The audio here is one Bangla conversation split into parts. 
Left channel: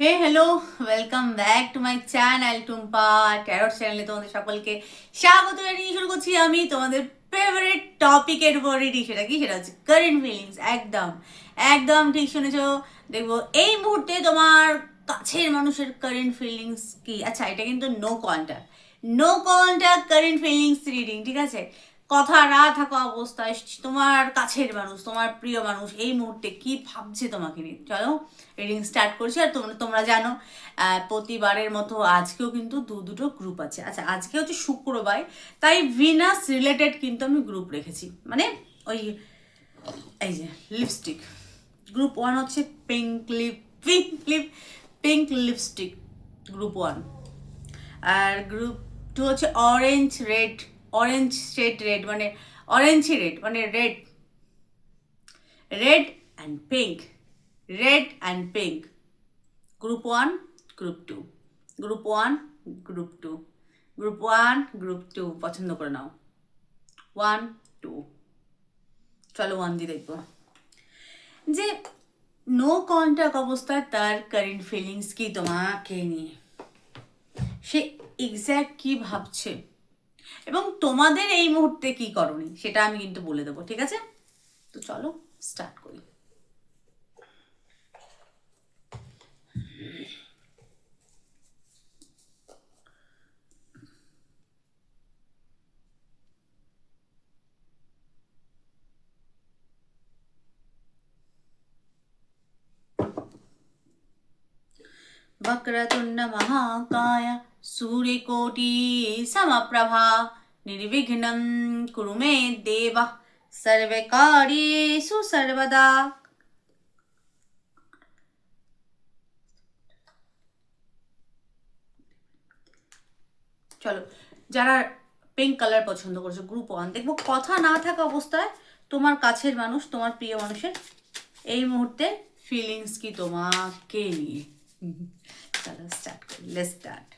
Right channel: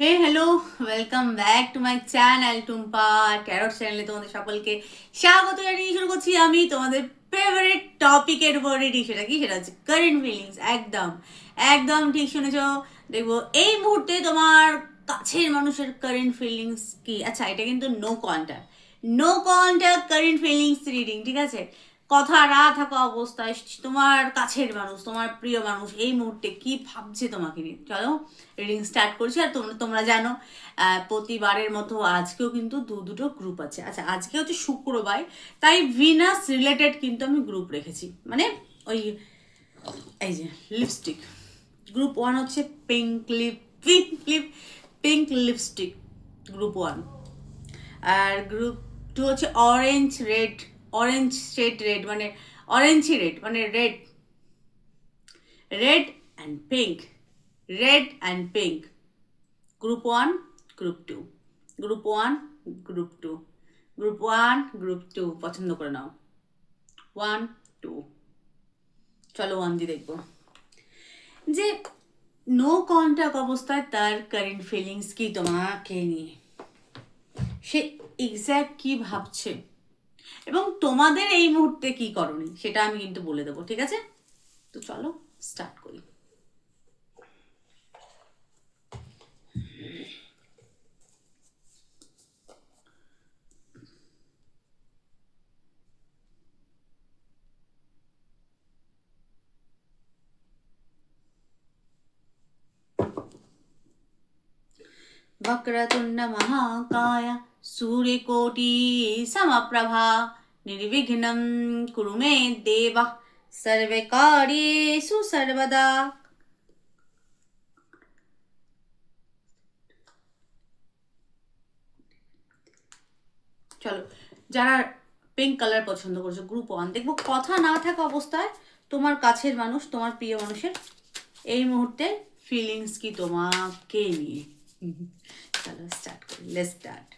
Hey hello, welcome back to my channel Tumpa tarot চ্যানেলে তোমাদের সকলকে স্বাগত জানিয়ে শুরু করছি আমি তোমাদের ফেভারিট টপিকের উপর রেডি। সেটা কি? সেটা হচ্ছে কারেন্ট ফিলিংস। একদম একদম ঠিক শুনেছ। দেখবো এই মুহূর্তে তোমার কাছের মানুষের কারেন্ট ফিলিংস কি। আচ্ছা, এটা কিন্তু no contact current feelings reading, ঠিক আছে? কথা না থাকা অবস্থায় তোমার কাছের মানুষ, তোমার প্রিয় মানুষ এই মুহূর্তে কি ভাবছে তোমাকে নিয়ে। চলো রিডিং স্টার্ট করছি। আর তোমরা তোমরা জানো প্রতিবারের মতো আজকেও কিন্তু দুটো গ্রুপ আছে। আচ্ছা, আজকে হচ্ছে শুক্রবার, তাই ভিনাস রিলেটেড কিন্তু আমি গ্রুপ রেখেছি। মানে ওই এই যে লিপস্টিক, গ্রুপ ওয়ান হচ্ছে পিঙ্ক লিপস্টিক, গ্রুপ ওয়ান। আর গ্রুপ টু হচ্ছে অরেঞ্জ শেড রেড, মানে অরেঞ্জই রেড, মানে red red and pink, red and pink. Group one, group two, group one, group two, group one, group two পছন্দ করে নাও। One, two. চলো ওয়ান দিয়ে দেখবো যে নো কন্ট্যাক্ট অবস্থায় তার কারেন্ট ফিলিংস কি তোমাকে নিয়ে, সে এক্স্যাক্ট কি ভাবছে এবং তোমাদের এই মুহূর্তে কি করণীয় সেটা আমি কিন্তু বলে দেবো, ঠিক আছে? তো চলো স্টার্ট করি। वक्रतुण्ड महाकाय सूर्यकोटि समप्रभा निर्विघ्नं कुरु मे देव सर्वकार्येषु सर्वदा। চলো, যারা পিঙ্ক কালার পছন্দ করছো গ্রুপ ওয়ান, দেখবো কথা না থাকা অবস্থায় তোমার কাছের মানুষ, তোমার প্রিয় মানুষের এই মুহূর্তে ফিলিংস কি তোমাকে নিয়ে। চলো স্টার্ট করি, let's start.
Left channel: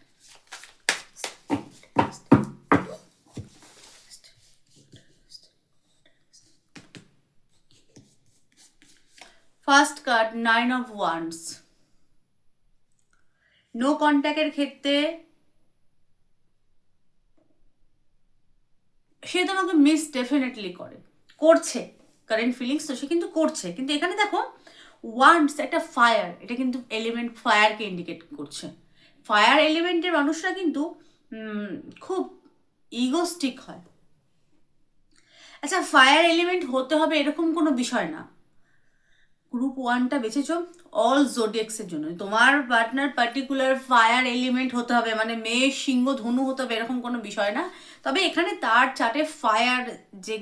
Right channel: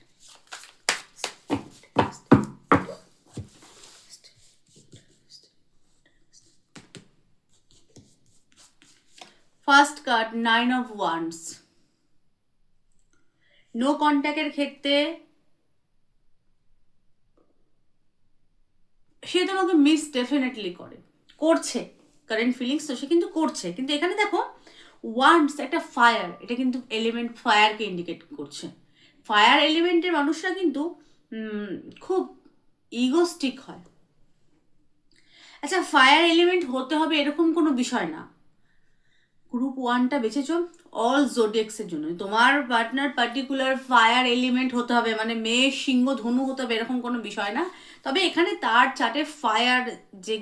First card, 9 of Wands। No কন্ট্যাক্টের ক্ষেত্রে সে তোমাকে মিস ডেফিনেটলি করছে। কারেন্ট ফিলিংস তো সে কিন্তু করছে, কিন্তু এখানে দেখো ওয়ান্ডস একটা ফায়ার, এটা কিন্তু এলিমেন্ট ফায়ারকে ইন্ডিকেট করছে। ফায়ার এলিমেন্টের মানুষরা কিন্তু খুব ইগোস্টিক হয়। আচ্ছা, ফায়ার এলিমেন্ট হতে হবে এরকম কোনো বিষয় না। গ্রুপ ওয়ানটা বেছেছো অল জোডিয়াক্সের জন্য। তোমার পার্টনার পার্টিকুলার ফায়ার এলিমেন্ট হতে হবে, মানে মেষ, সিংহ, ধনু হতে হবে এরকম কোনো বিষয় না। তবে এখানে তার চার্টে ফায়ার যে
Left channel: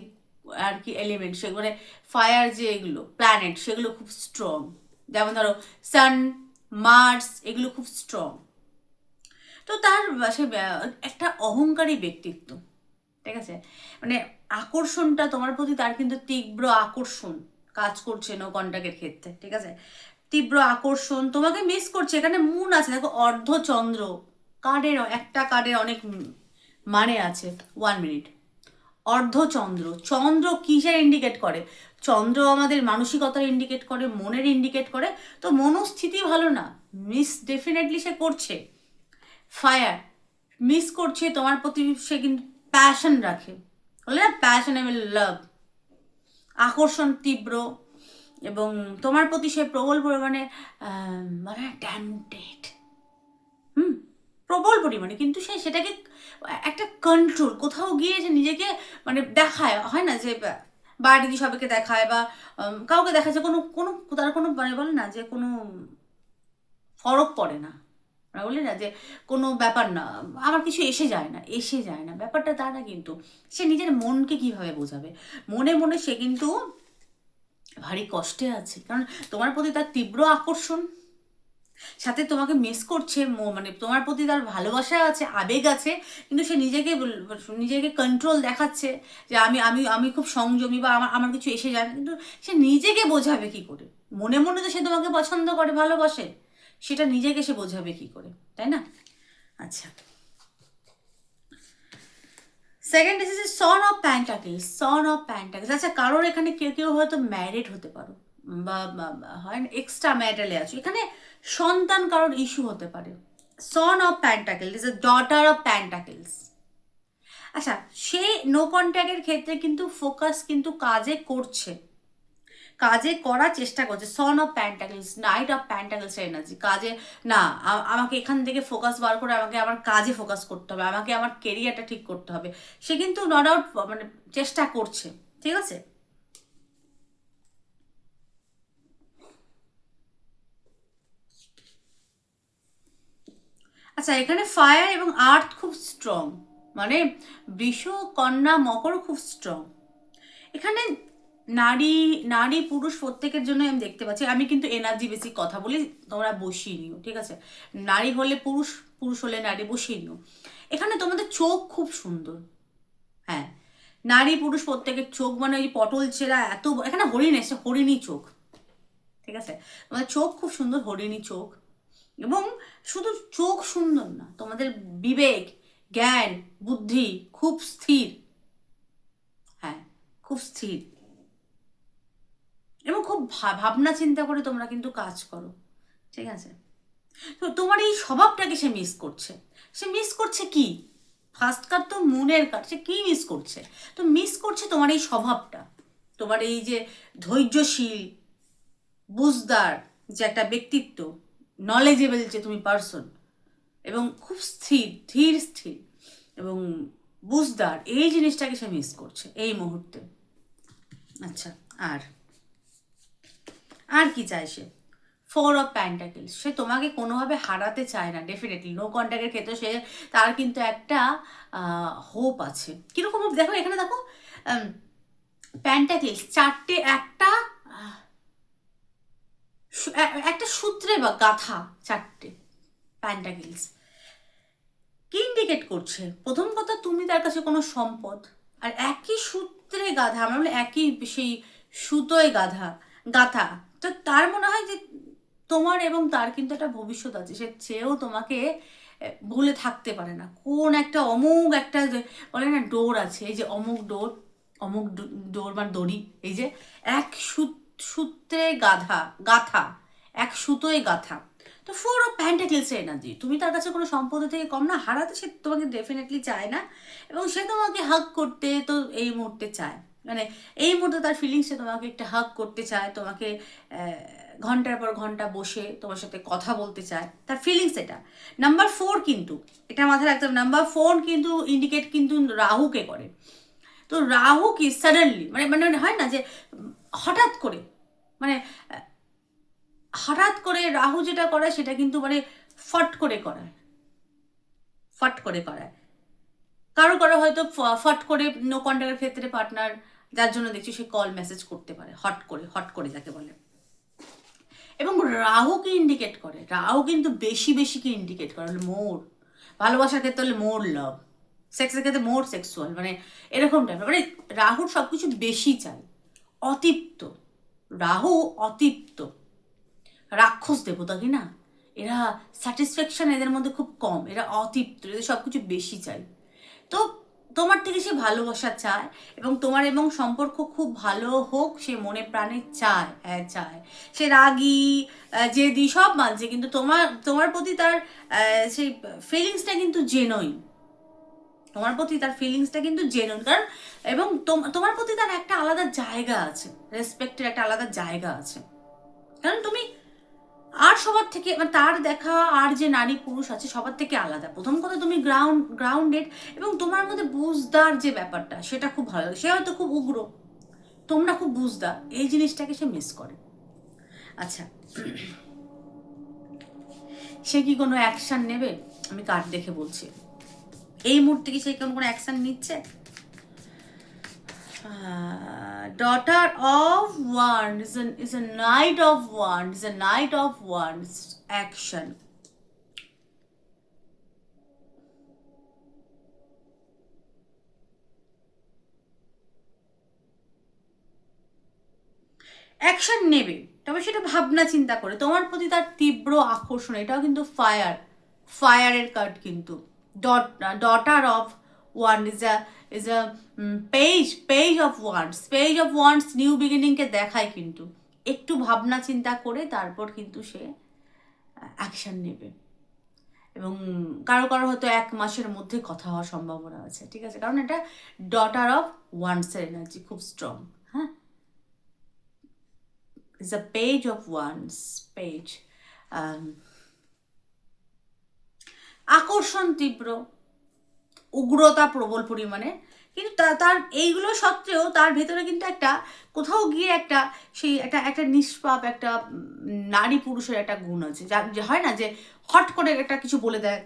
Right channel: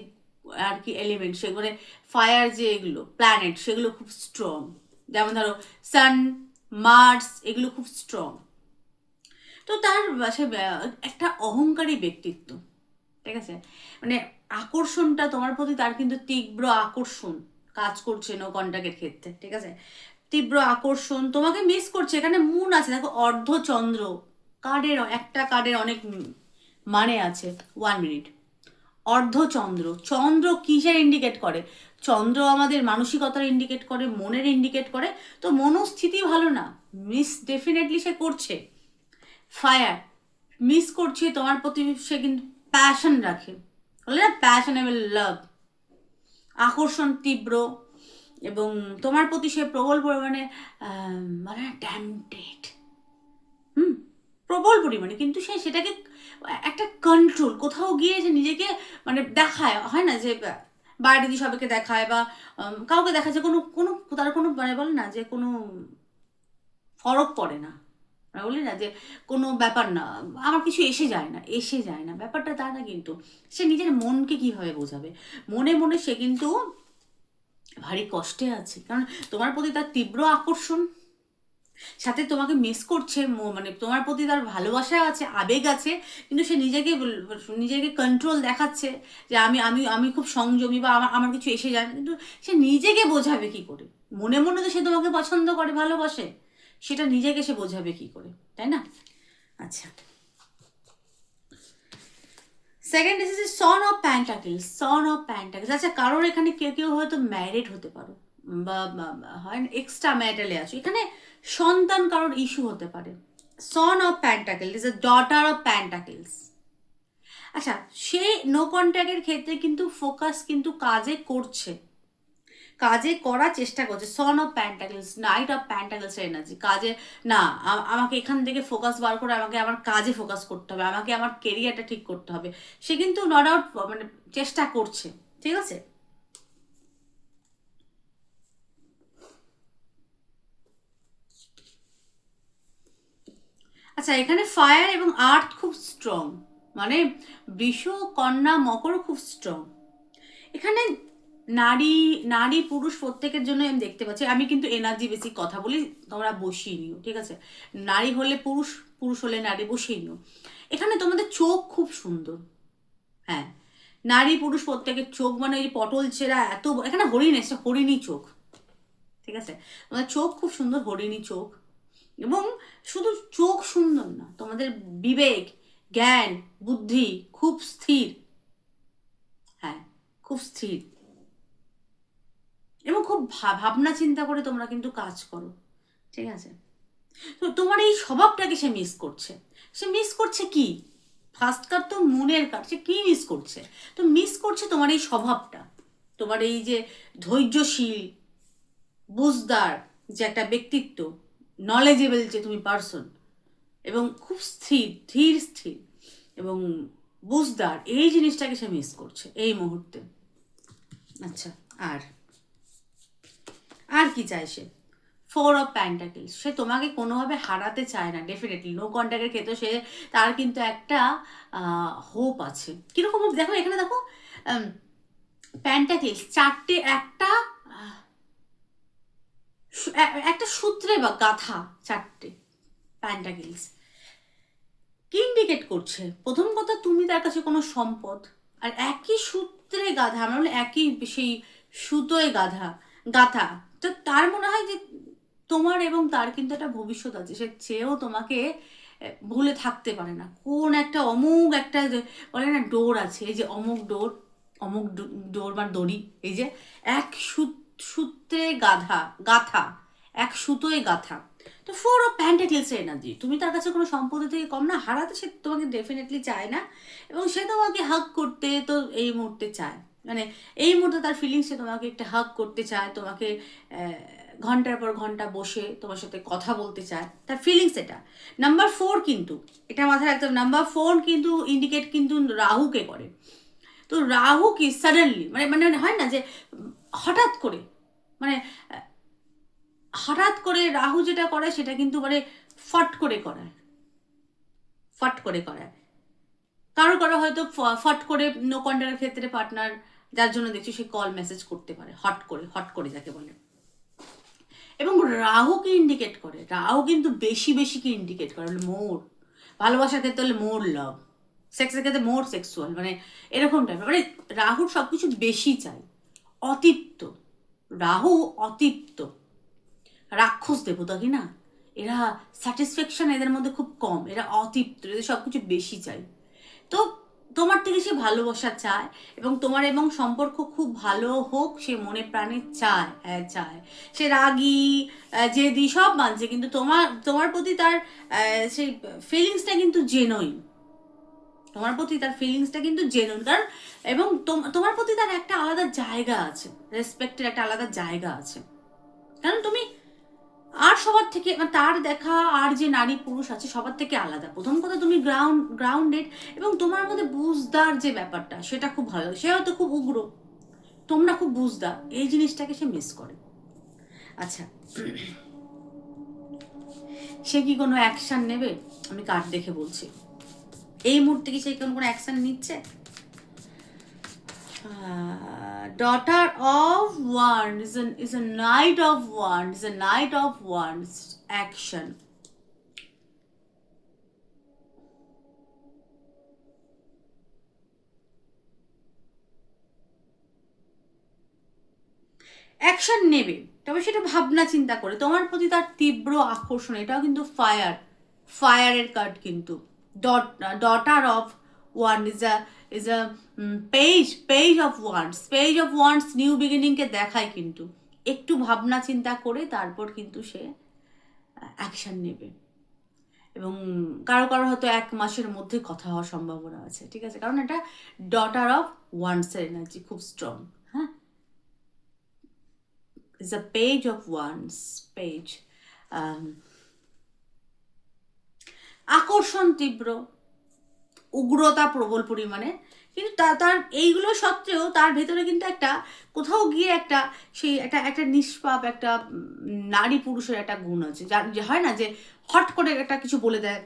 আর কি এলিমেন্ট, সেগুলো ফায়ার যে এগুলো প্ল্যানেট সেগুলো খুব স্ট্রং। যেমন ধরো সান, মার্স, এগুলো খুব স্ট্রং। তো তার সে একটা অহংকারী ব্যক্তিত্ব, ঠিক আছে? মানে আকর্ষণটা তোমার প্রতি তার কিন্তু তীব্র আকর্ষণ কাজ করছে নো কন্ট্যাক্টের ক্ষেত্রে, ঠিক আছে? তীব্র আকর্ষণ, তোমাকে মিস করছে। এখানে মুন আছে, দেখো অর্ধচন্দ্র কার্ডের, একটা কার্ডের অনেক মানে আছে। 1 মিনিট। অর্ধচন্দ্র, চন্দ্র কিসের ইন্ডিকেট করে? চন্দ্র আমাদের মানসিকতার ইন্ডিকেট করে, মনের ইন্ডিকেট করে। তো মনস্থিতি ভালো না, মিস ডেফিনেটলি সে করছে। ফায়ার মিস করছে তোমার প্রতি, সে কিন্তু প্যাশন রাখে, বলে না প্যাশনেবল লাভ, আকর্ষণ তীব্র, এবং তোমার প্রতি সে প্রবল পরিমাণে মানে ট্যাম্পটেড, হুম, প্রবল পরিমাণে। কিন্তু সে সেটাকে একটা কন্ট্রোল, কোথাও গিয়ে যে নিজেকে মানে দেখায়, হয় না যে বাইরে দিয়ে সবাইকে দেখায় বা কাউকে দেখায় যে কোনো কোনো তার কোনো মানে বলে না যে কোনো ফরক পড়ে না, আমরা বলি না যে কোনো ব্যাপার না, আমার কিছু এসে যায় না ব্যাপারটা তা না। কিন্তু সে নিজের মনকে কিভাবে বোঝাবে, মনে মনে সে কিন্তু ভারী কষ্টে আছে, কারণ তোমার প্রতি তার তীব্র আকর্ষণ, সাথে তোমাকে মিস করছে, মানে তোমার প্রতি তার ভালোবাসা আছে, আবেগ আছে, কিন্তু সে নিজেকে কন্ট্রোল দেখাচ্ছে যে আমি আমি আমি খুব সংযমী বা আমার আমার কিছু এসে যায় না। কিন্তু সে নিজেকে বোঝাবে কি করে? মনে মনে তো সে তোমাকে পছন্দ করে, ভালোবাসে, সেটা নিজেকে সে বোঝাবে কি করে, তাই না? আচ্ছা, সেকেন্ড এসেছে সন অফ প্যান্টাকেলস। আচ্ছা, কারোর এখানে কেউ কেউ হয়তো ম্যারিড হতে পারো বা হয় না এক্সট্রা ম্যারিটালে আছো। এখানে সন্তান কারোর ইস্যু হতে পারে। Son of pentacle is a daughter of pentacles. আচ্ছা, সে নো কন্ট্যাক্টের ক্ষেত্রে কিন্তু ফোকাস কিন্তু কাজে করছে, কাজে করার চেষ্টা করছে। Son of pentacles, night of pentacles energy, কাজে না, আমাকে এখান থেকে ফোকাস বার করে আমাকে আমার কাজে ফোকাস করতে হবে, আমাকে আমার কেরিয়ারটা ঠিক করতে হবে। সে কিন্তু নট আউট মানে চেষ্টা করছে, ঠিক আছে। আচ্ছা, এখানে ফায়ার এবং আর্থ খুব স্ট্রং, মানে বৃষ, কন্যা, মকর খুব স্ট্রং। এখানে নারী নারী পুরুষ প্রত্যেকের জন্য আমি দেখতে পাচ্ছি। আমি কিন্তু এনার্জি বেশি কথা বলি, তোমরা বসিয়ে নিও, ঠিক আছে। নারী হলে পুরুষ, পুরুষ হলে নারী, বসিয়ে নিও। এখানে তোমাদের চোখ খুব সুন্দর, হ্যাঁ। নারী পুরুষ প্রত্যেকের চোখ, মানে ওই পটল চেরা এত, এখানে হরিণ এসে, হরিণী চোখ, ঠিক আছে। তোমাদের চোখ খুব সুন্দর, হরিণী চোখ। এবং শুধু চোখ সুন্দর না, তোমাদের বিবেক, জ্ঞান, বুদ্ধি খুব স্থির, হ্যাঁ, খুব স্থির। এবং খুব ভাবনা চিন্তা করে তোমরা কিন্তু কাজ করো, ঠিক আছে। তো তোমার এই স্বভাবটাকে সে মিস করছে। সে মিস করছে কি? ফার্স্ট কার্ড তো মুনের কার্ড, সে কি মিস করছে? তো মিস করছে তোমার এই স্বভাবটা, তোমার এই যে ধৈর্যশীল, বুঝদার যে একটা ব্যক্তিত্ব, নলেজেবল যে তুমি পার্সন, এবং খুব স্থির, ধীর স্থির এবং বুঝদার, এই জিনিসটাকে সে মিস করছে এই মুহূর্তে। আচ্ছা, আর আর কি চাই সে? ফোর অফ প্যান্টাকেলস, সে তোমাকে কোনোভাবে হারাতে চায় না। ডেফিনেটলি নো কন্ট্যাক্টের ক্ষেত্রে সে, তার কিন্তু একটা হোপ আছে। কীরকম হোপ দেখো, এখানে দেখো প্যান্টাকেলস চারটে, একটা একটা সূত্রে বা গাথা, চারটে প্যান্টাকেলস কি ইন্ডিকেট করছে? প্রথম কথা, তুমি তার কাছে কোনো সম্পদ, আর একই সূত্রে গাধা, আমরা বলি একই সেই সুতোয় গাধা, গাথা। তো তার মনে হয় যে তোমার এবং তার কিন্তু একটা ভবিষ্যৎ আছে, সে চেয়েও তোমাকে ভুলে থাকতে পারে না। কোন একটা অমুক একটা বলে না ডোর আছে, এই যে অমুক ডোর, অমুক ডোর বা দড়ি, এই যে এক সূত্রে গাধা, গাথা, এক সুতোয় গাথা। তো ফোর অফ প্যান্টাকেলস এনার্জি, তুমি তার কাছে কোনো সম্পদ থেকে কম না, হারাতে সে তোমাকে ডেফিনেটলি চায় না। এবং সে তোমাকে হাগ করতে তো এই মুহূর্তে চায়, মানে এই মুহূর্তে তার ফিলিংসে তোমাকে একটা হাগ করতে চায়, তোমাকে ঘন্টার পর ঘন্টা বসে তোমার সাথে কথা বলতে চায়, তার ফিলিংস এটা। নাম্বার ফোর কিন্তু, এটা মাথায় রাখতে হবে, নাম্বার ফোর কিন্তু ইন্ডিকেট কিন্তু রাহুকে করে। তো রাহু কি সাডেনলি, মানে মানে হয় না যে হঠাৎ করে, মানে হঠাৎ করে রাহু যেটা করে সেটা কিন্তু মানে ফট করে করায়, ফট করে করায়। কারো কারো হয়তো ফট করে নো কন্ট্যাক্টের ক্ষেত্রে পার্টনার, যার জন্য দেখছি সে কল মেসেজ করতে পারে হট করে, হট করে যাকে বলে। এবং রাহুকে ইন্ডিকেট করে, রাহু কিন্তু বেশি বেশিকে ইন্ডিকেট করে, মোর ভালোবাসার ক্ষেত্রে হলে মোর লাভ, সেক্সের ক্ষেত্রে মোর সেক্সুয়াল, মানে এরকম টাইপের, মানে রাহুর সব কিছু বেশি চাই, অতিপ্ত। রাহু অতিপ্ত, রাক্ষস দেবতা কি না, এরা স্যাটিসফ্যাকশন এদের মধ্যে খুব কম, এরা অতৃপ্ত, এদের সব কিছু বেশি চাই। তো তোমার থেকে সে ভালোবাসা চায়, এবং তোমার এবং সম্পর্ক খুব ভালো হোক সে মনে প্রাণে চায়, হ্যাঁ চায়। সে রাগী, জেদি সব মানছে, কিন্তু তোমার তোমার প্রতি তার সেই ফিলিংসটা কিন্তু জেনুইন, তোমার প্রতি তার ফিলিংসটা কিন্তু জেনুইন। কারণ এবং তোমার প্রতি তার একটা আলাদা জায়গা আছে, রেসপেক্টের একটা আলাদা জায়গা আছে। কারণ তুমি আর সবার থেকে, মানে তার দেখা আর যে নারী পুরুষ আছে সবার থেকে আলাদা। প্রথম কথা, তুমি গ্রাউন্ডেড, এবং তোমার মধ্যে বুঝদার যে ব্যাপারটা সেটা খুব ভালো। সে হয়তো খুব উগ্র, তোমরা খুব বুঝদার, এই জিনিসটাকে সে মিস করে। আচ্ছা, সে কি কোনো অ্যাকশন নেবে? আমি কার্ড দেখে বলছি, এই মুহূর্তে কি সে কোনো অ্যাকশন নিচ্ছে? Daughter of Wands is a Knight of Wands, a Knight of Wands action. Action নেবে, তবে সেটা ভাবনা চিন্তা করে। তোমার প্রতি তার তীব্র আকর্ষণ, এটাও কিন্তু ফায়ারের কার্ড কিন্তু। Daughter of wand is a page of wands new বিগিনিংকে দেখায় কিন্তু। একটু ভাবনা চিন্তা করে তারপর কিন্তু সে অ্যাকশান নেবে, এবং কারো কারো হয়তো 1 মাসের মধ্যে কথা হওয়ার সম্ভাবনা আছে, ঠিক আছে, কারণ এটা ডটার অফ ওয়ান্সের এনার্জি খুব স্ট্রং। হ্যাঁ, is a page of wands, page. আকর্ষণ তীব্র, উগ্রতা প্রবল পরিমাণে, কিন্তু তার এইগুলো সত্ত্বেও তার ভেতরে কিন্তু একটা কোথাও গিয়ে একটা সেই একটা একটা নিষ্পাপ একটা নারী পুরুষের একটা গুণ আছে, যার যে হয় না যে হট করে একটা কিছু বলে দেয়,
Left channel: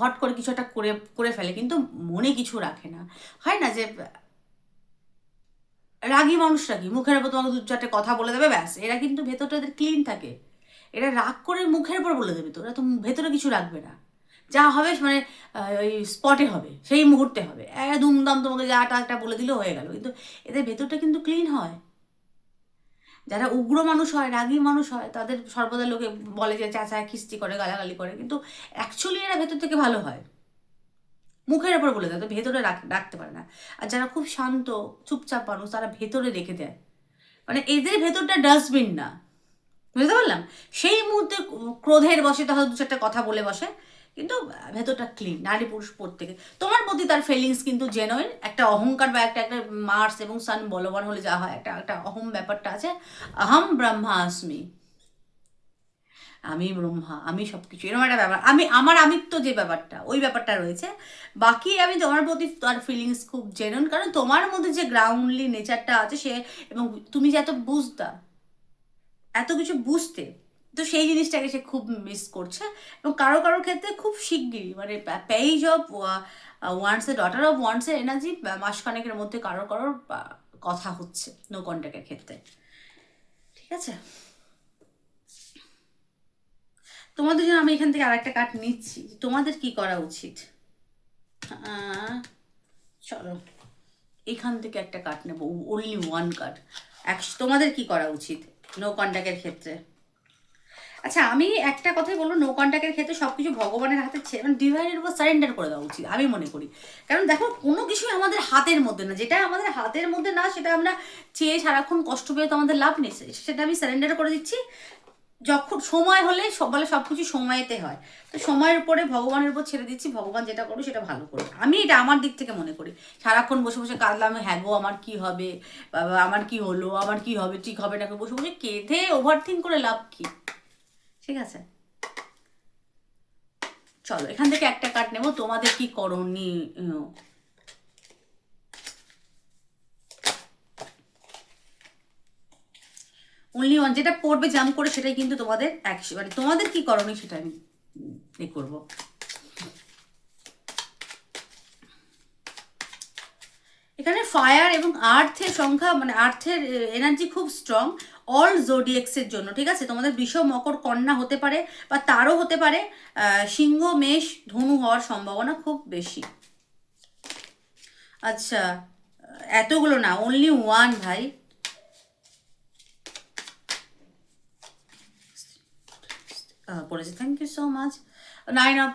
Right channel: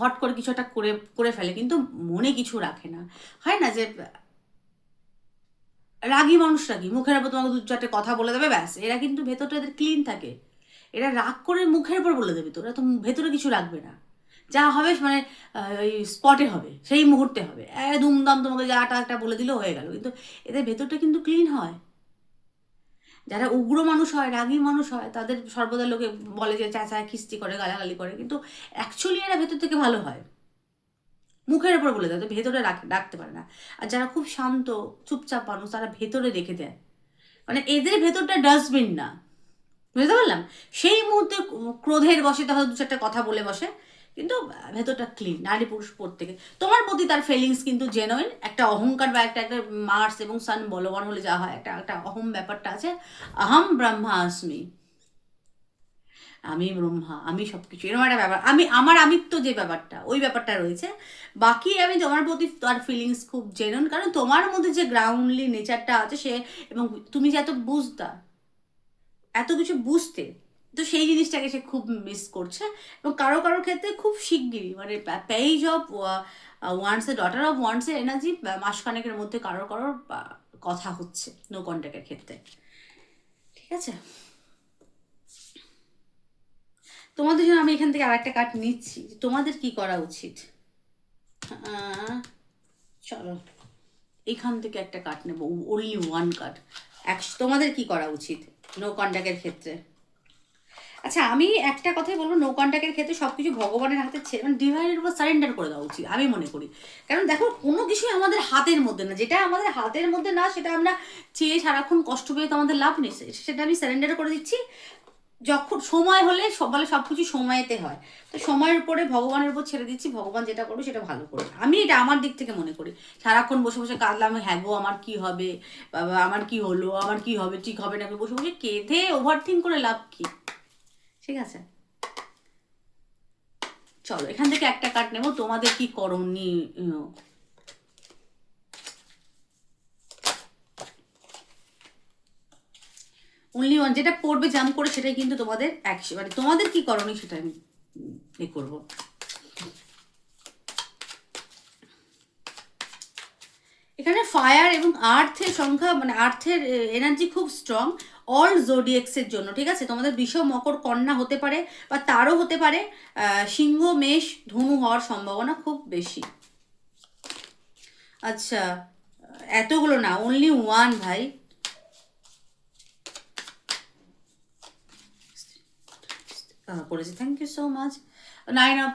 হট করে কিছু একটা করে করে ফেলে, কিন্তু মনে কিছু রাখে না। হয় না যে রাগী মানুষরা কি মুখের উপর তোমাকে 2-4টে কথা বলে দেবে, ব্যাস, এরা কিন্তু ভেতরটা এদের ক্লিন থাকে। এরা রাগ করে মুখের উপর বলে দেবে, তো এরা তো ভেতরে কিছু রাখবে না, যা হবে মানে ওই স্পটে হবে, সেই মুহূর্তে হবে, দুমদাম তোমাকে যাটা একটা বলে দিলেও হয়ে গেল, কিন্তু এদের ভেতরটা কিন্তু ক্লিন হয়। যারা উগ্র মানুষ হয়, রাগী মানুষ হয়, তাদের সর্বদা লোকে বলে যে চাচায় খিস্তি করে, গালাগালি করে, কিন্তু অ্যাকচুয়ালি এরা ভেতর থেকে ভালো হয়, মুখের ওপর বলে দেয়, তো ভেতরে রাখতে পারে না। আর যারা খুব শান্ত চুপচাপ মানুষ, তারা ভেতরে রেখে দেয়, মানে এদের ভেতরটা ডাস্টবিন না, বুঝতে পারলাম। সেই মুহূর্তে ক্রোধের বসে তাহলে 2-4টা কথা বলে বসে, কিন্তু ভেতরটা ক্লিন। নারী পুরুষ প্রত্যেকে তোমার প্রতি তার ফিলিংস কিন্তু জেনুইন, একটা অহংকার বা একটা একটা মার্স এবং সান বলবান হলে যা হয়, একটা একটা অহম ব্যাপারটা আছে, আহম ব্রহ্মাস্মি, আমি ব্রহ্মা, আমি সব কিছু, এরকম একটা ব্যাপার, আমার আমিত্ব যে ব্যাপারটা, ওই ব্যাপারটা রয়েছে। বাকি আমি তোমার প্রতি তার ফিলিংস খুব জেনুইন, কারণ তোমার মধ্যে যে গ্রাউন্ডলি নেচারটা আছে সে, এবং তুমি যে এত বুঝতা, এত কিছু বুঝতে, তো সেই জিনিসটাকে সে খুব মিস করছে। এবং কারো কারোর ক্ষেত্রে খুব শিগগিরই, মানে পেজ অফ ওয়ান্সের, ডটার অফ ওয়ান্সের এনার্জি মাসখানেকের মধ্যে কারোর কারোর কথা হচ্ছে নো কন্ট্যাক্টের ক্ষেত্রে, ঠিক আছে। তোমাদের জন্য আমি এখান থেকে আর একটা কার্ড নিচ্ছি, তোমাদের কি করা উচিত। চলো এখান থেকে একটা কার্ড নেবো, ওনলি ওয়ান কার্ড। তোমাদের কি করা উচিত নো কন্ট্যাক্টের ক্ষেত্রে। আচ্ছা, আমি একটা কথাই বলবো, নো কন্ট্যাক্টের ক্ষেত্রে সব কিছু ভগবানের হাতে ছেড়ে, মানে ডিভাইনের উপর সারেন্ডার করে দেওয়া উচিত, আমি মনে করি। কারণ দেখো, কোনো কিছুই আমাদের হাতের মধ্যে না, যেটা আমাদের হাতের মধ্যে না সেটা আমরা চেয়ে সারাক্ষণ কষ্ট পেয়ে তো আমাদের লাভ নেই, সেটা আমি সারেন্ডার করে দিচ্ছি। যখন সময় হলে বলে সব কিছু সময়তে হয়, তো সময়ের উপরে ভগবানের উপর ছেড়ে দিচ্ছি, ভগবান যেটা করবে সেটা ভালো করে, আমি এটা আমার দিক থেকে মনে করি। সারাক্ষণ বসে বসে কাঁদলাম, হ্যাঁ গো আমার কি হবে, বাবা আমার কি হলো, আমার কি হবে, ঠিক হবে না, বসে বসে কেঁদে ওভার থিঙ্ক করে লাভ কি, ঠিক আছে। চলো এখান থেকে একটা কার্ড নেবো, তোমাদের কি করণীয়। অনলি ওয়ান, যেটা পড়বে জাম করে সেটাই কিন্তু তোমাদের অ্যাকশন, মানে তোমাদের কি করণীয় সেটা আমি করবো। এখানে ফায়ার এবং আর্থের সংখ্যা, মানে আর্থের এনার্জি খুব স্ট্রং অল জোডিয়েক্সের জন্য, ঠিক আছে। তোমাদের বৃষ, মকর, কন্যা হতে পারে, বা তারও হতে পারে, সিংহ, মেষ, ধনু হওয়ার সম্ভাবনা খুব বেশি। আচ্ছা, এতগুলো না, অনলি ওয়ান ভাই। পড়েছে, thank you so much. 9 of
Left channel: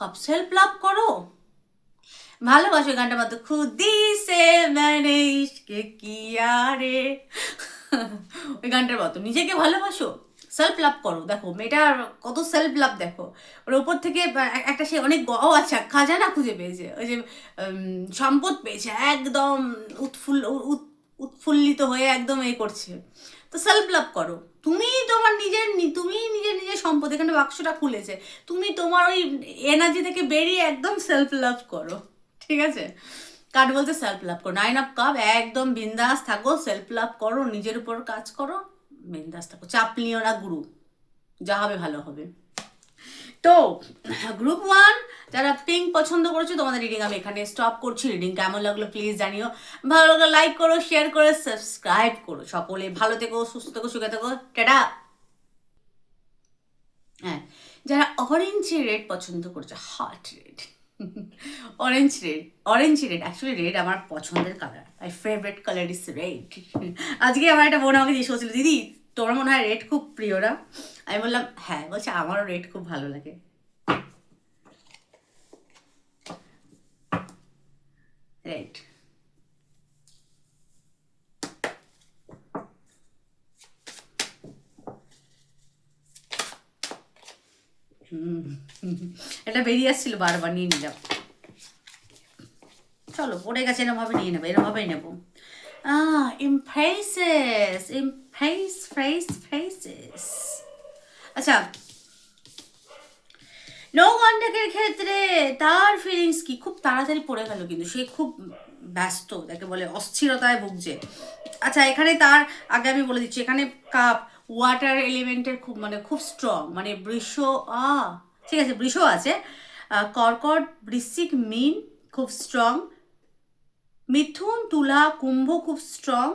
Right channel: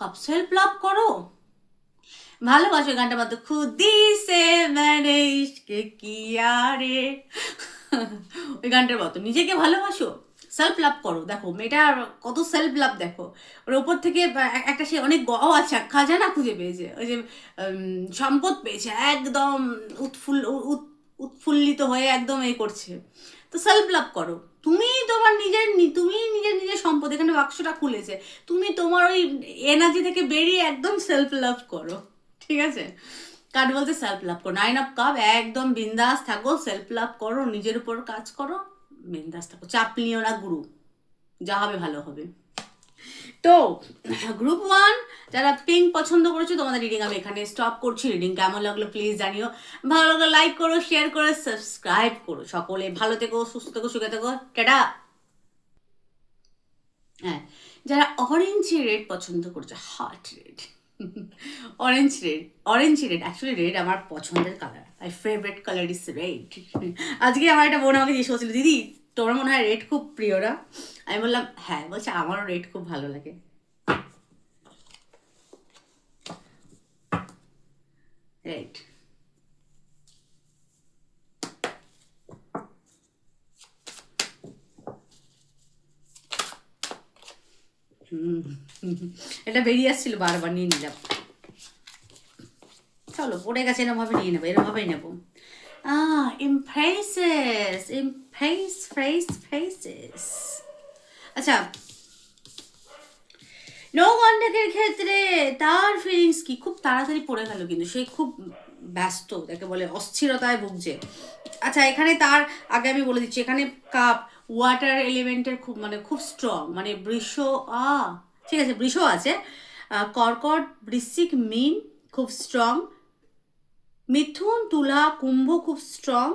cup, self love করো, ভালোবাসো। গানটা মাত্র খুদি সে মানে ইশকে কিয়া রে, ওই গানটার মতো নিজেকে ভালোবাসো, সেলফ লাভ করো। দেখো মেয়েটার কত সেলফ লাভ, দেখো ওর ওপর থেকে একটা সে অনেক আচ্ছা খাজানা খুঁজে পেয়েছে, ওই যে সম্পদ পেয়েছে, একদম উৎফুল্লিত হয়ে একদম করছে, তো সেলফ লাভ করো। তুমি নিজের নিজের সম্পদ, এখানে বাক্সটা খুলেছে, তুমি তোমার ওই এনার্জি থেকে বেরিয়ে একদম সেলফ লাভ করো, ঠিক আছে। কার্ড বলতে সেলফ লাভ করো, 9 অফ কাপ, একদম বিন্দাস থাকো, সেলফ লাভ করো, নিজের উপর কাজ করো, বিন্দাস থাকো, চাপ নিও না গুরু, যা হবে ভালো হবে। তো গ্রুপ 1 যারা পিঙ্ক পছন্দ করেছো, তোমাদের রিডিং আমি এখানে স্টপ করছি। রিডিং কেমন লাগলো প্লিজ জানিও, ভালো লাগলে লাইক করো, শেয়ার করে সাবস্ক্রাইব করো। সকলে ভালো থেকো, সুস্থ থেকো, সুখে থেকো, টাটা। হ্যাঁ, যারা অরেঞ্জ রেড পছন্দ করছে, hot red, orange red actually red আমার পছন্দের colour, my favourite colour is red. আজকে আমার একটা বোন আমাকে জিজ্ঞেস করছিল, দিদি তোমার মনে হয় রেড খুব প্রিয় না? আমি বললাম হ্যাঁ, বলছে আমারও রেড খুব ভালো লাগে। রেড। এটা বেরিয়ে আসছিল, বারবার নিয়ে নিলাম। চলো, পড়ে গেছে, এরমভাবে নিয়ে নেবো, এরমভাবেই নেবো। ইমপ্রেসেস, ফ্রেসেস। আচ্ছা, নো কন্ট্যাক্টের ক্ষেত্রে তার ফিলিংস কি? খুব তাড়াতাড়ি পড়ে গেল, কিন্তু সে খুব ব্যস্ত, যাকে বলে অস্থিরতায় ভুগছে। আচ্ছা, এখানে তার আগে আমি বলে দিচ্ছি, এখানে কাপ ওয়াটার এলিমেন্টের খুব খুব স্ট্রং, বৃষ, ঠিক আছে, বৃষ আছে, কর্কট, বৃশ্চিক, মীন খুব স্ট্রং, মিথুন, তুলা, কুম্ভ খুব স্ট্রং,